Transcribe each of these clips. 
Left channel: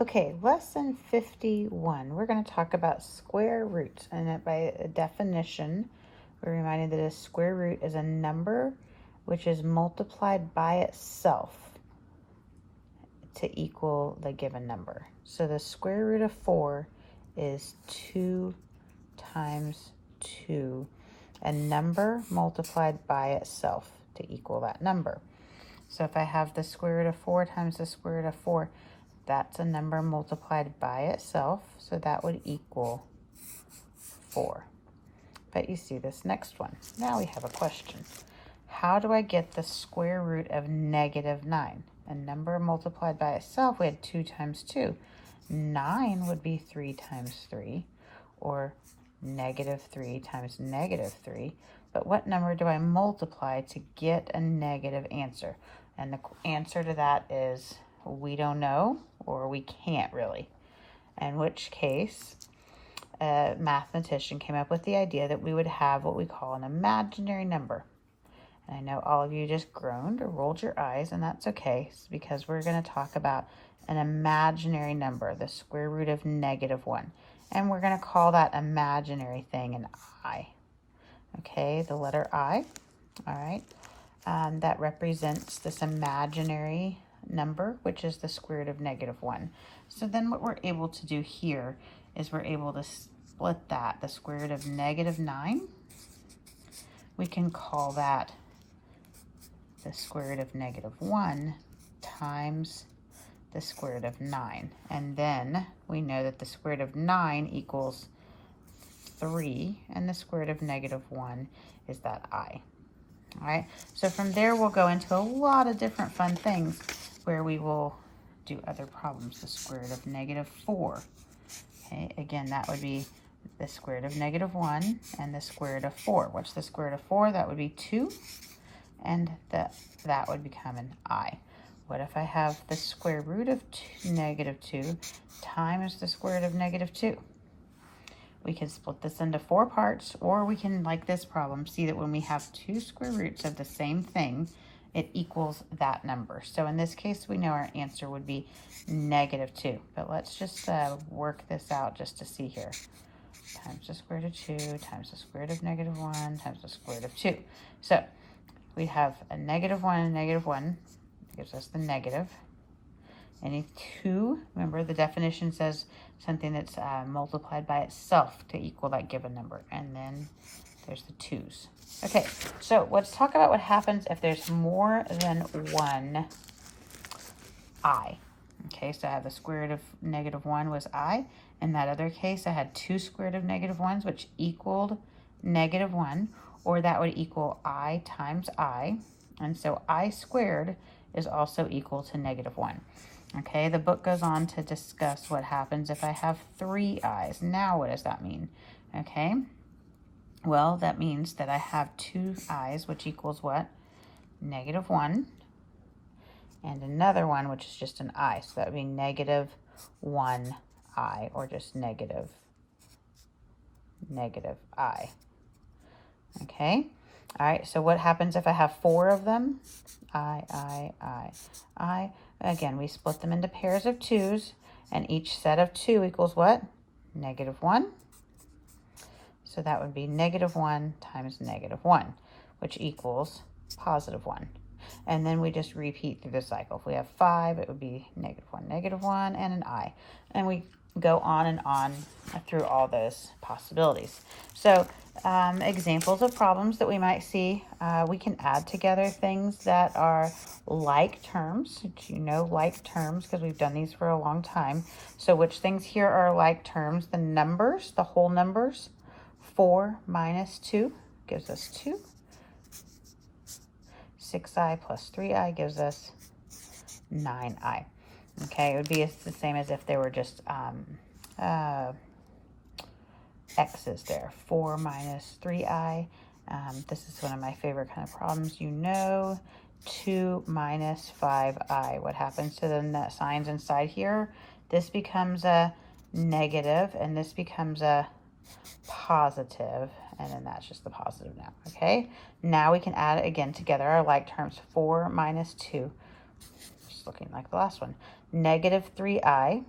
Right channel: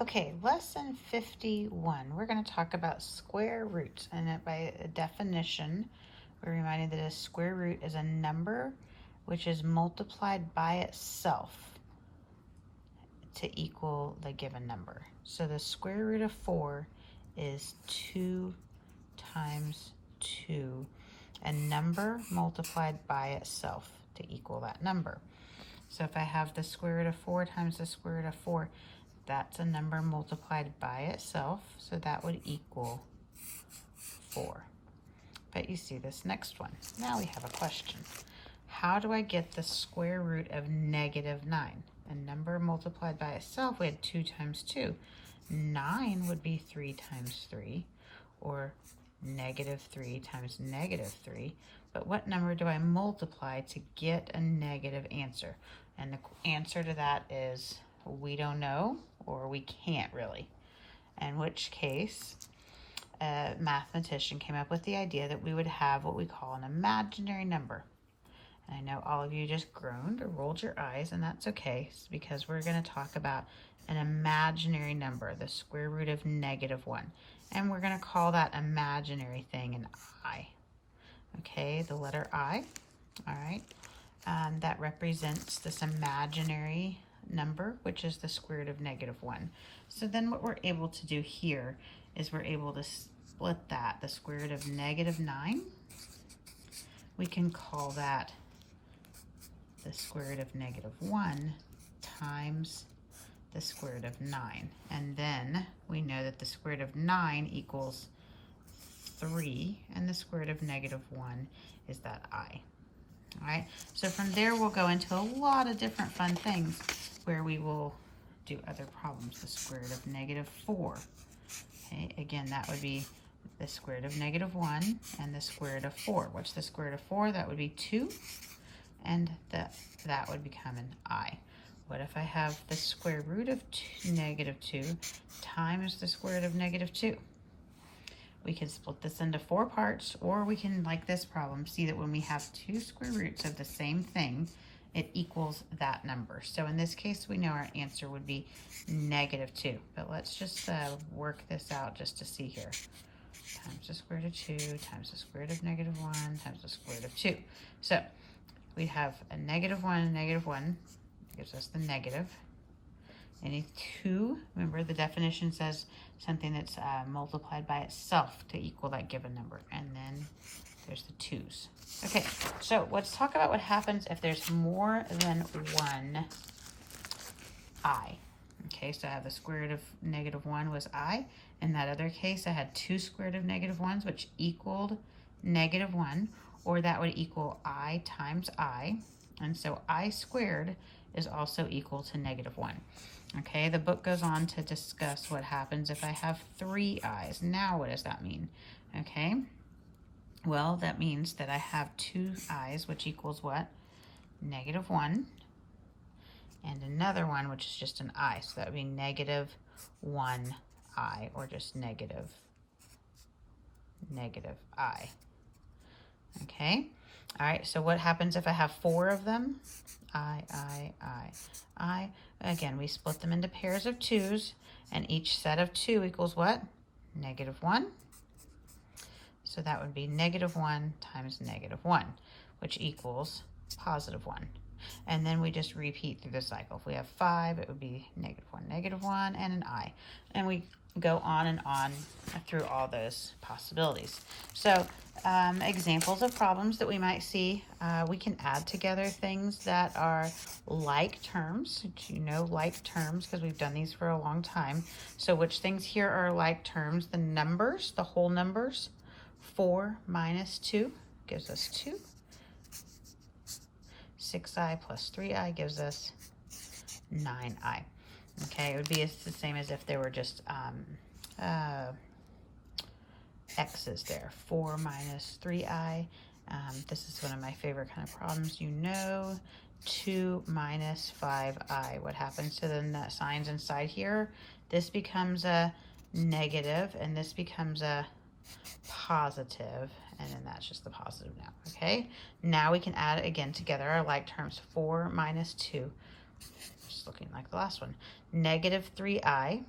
Okay, lesson 51. We're going to talk about square roots. And by definition, we're reminded that a square root is a number which is multiplied by itself to equal the given number. So the square root of 4 is 2 times 2, a number multiplied by itself to equal that number. So if I have the square root of 4 times the square root of 4, that's a number multiplied by itself, so that would equal 4. But you see this next one. Now we have a question. How do I get the square root of -9? A number multiplied by itself, we had 2 times 2. 9 would be 3 times 3, or -3 times -3. But what number do I multiply to get a negative answer? And the answer to that is we don't know, or we can't really. In which case, a mathematician came up with the idea that we would have what we call an imaginary number. And I know all of you just groaned or rolled your eyes, and that's okay, because we're going to talk about an imaginary number, the square root of -1. And we're going to call that imaginary thing an I. Okay, the letter I. All right. That represents this imaginary number, which is the square root of -1. So then what we're able to do here is we're able to split that, the square root of -9. We can call that the square root of -1 times the square root of 9. And then we know that the square root of 9 equals 3, and the square root of -1 is that I. All right, so from there we'll go into a lot of different fun things where we will do other problems. The square root of -4. Okay, again, that would be the square root of -1 and the square root of 4. What's the square root of 4? That would be 2, and that would become an I. What if I have the square root of -2 times the square root of -2? We can split this into 4 parts, or we can, like this problem, see that when we have 2 square roots of the same thing, it equals that number. So in this case, we know our answer would be -2. But let's just work this out just to see here. Times the square root of 2 times the square root of -1 times the square root of 2. So we have a -1 and -1 gives us the negative. Any 2, remember the definition says something that's multiplied by itself to equal that given number. And then there's the 2's. Okay, so let's talk about what happens if there's more than one I. Okay, so I have the square root of -1 was I. In that other case, I had 2 square root of -1s, which equaled -1, or that would equal I times I. And so I squared is also equal to -1. Okay, the book goes on to discuss what happens if I have 3 i's. Now, what does that mean? Okay, well, that means that I have 2 i's, which equals what? -1, and another one, which is just an I. So that would be -1 I, or just negative I. Okay, all right, so what happens if I have 4 of them? I. Again, we split them into pairs of 2's, and each set of 2 equals what? -1. So that would be -1 times -1, which equals +1. And then we just repeat through the cycle. If we have 5, it would be -1, -1, and an I. And we go on and on through all those possibilities. So examples of problems that we might see, we can add together things that are like terms. You know like terms because we've done these for a long time. So which things here are like terms? The numbers, the whole numbers. 4 minus 2 gives us 2. 6i plus 3i gives us 9i. Okay, it would be the same as if there were just x's there. 4 minus 3i. This is one of my favorite kind of problems. You know, 2 minus 5i. What happens to the signs inside here? This becomes a negative, and this becomes a positive, and then that's just the positive now. Okay, now we can add it again together, our like terms. 4 minus 2, just looking like the last one, -3i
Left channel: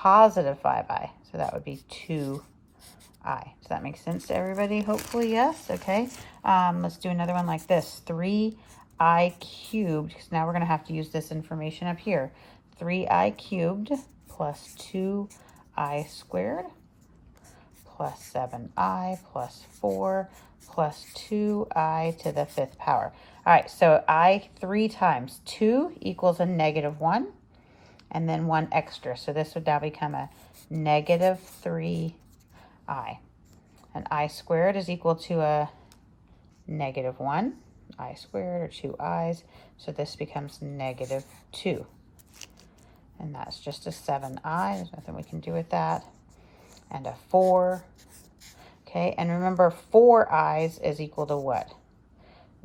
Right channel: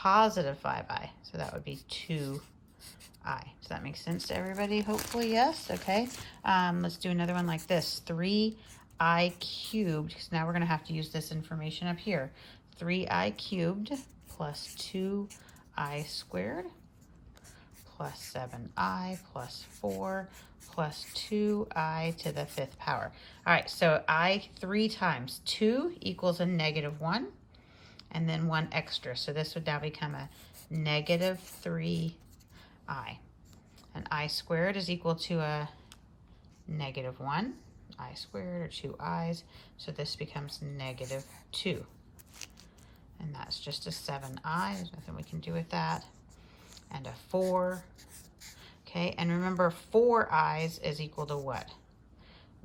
positive 5i. So that would be 2i. Does that make sense to everybody? Hopefully, yes. Okay. Let's do another one like this. 3i cubed, because now we're going to have to use this information up here. 3i cubed plus 2i squared plus 7i plus 4 plus 2i to the 5th power. All right, so I 3 times 2 equals a -1, and then 1 extra. So this would now become a -3i. And I squared is equal to a -1, I squared, or 2 i's. So this becomes -2. And that's just a 7i. There's nothing we can do with that. And a 4. Okay, and remember 4 i's is equal to what?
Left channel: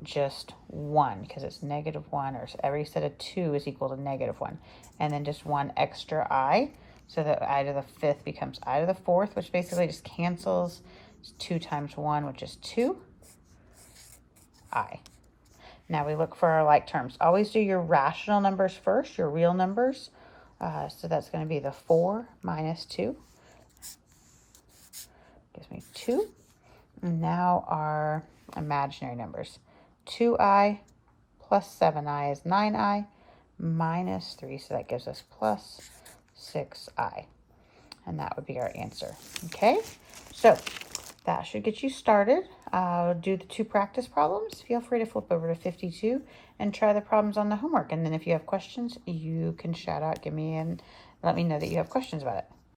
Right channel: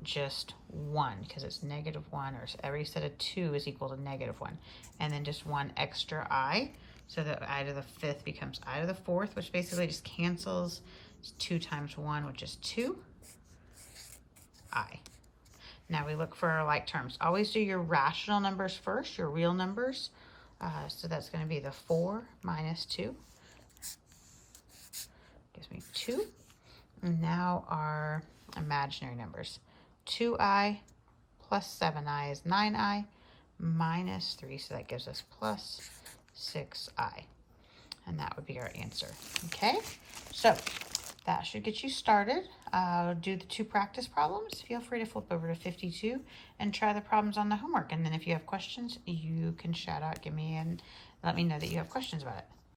Just 1, because it's -1, or every set of 2 is equal to -1. And then just 1 extra I, so that I to the 5th becomes I to the 4th, which basically just cancels. It's 2 times 1, which is 2i. Now we look for our like terms. Always do your rational numbers first, your real numbers. So that's going to be the 4 minus 2. Gives me 2. And now our imaginary numbers. 2i plus 7i is 9i minus 3. So that gives us plus 6i. And that would be our answer. Okay, so that should get you started. Do the 2 practice problems. Feel free to flip over to 52 and try the problems on the homework. And then if you have questions, you can shout out, give me, and let me know that you have questions about it.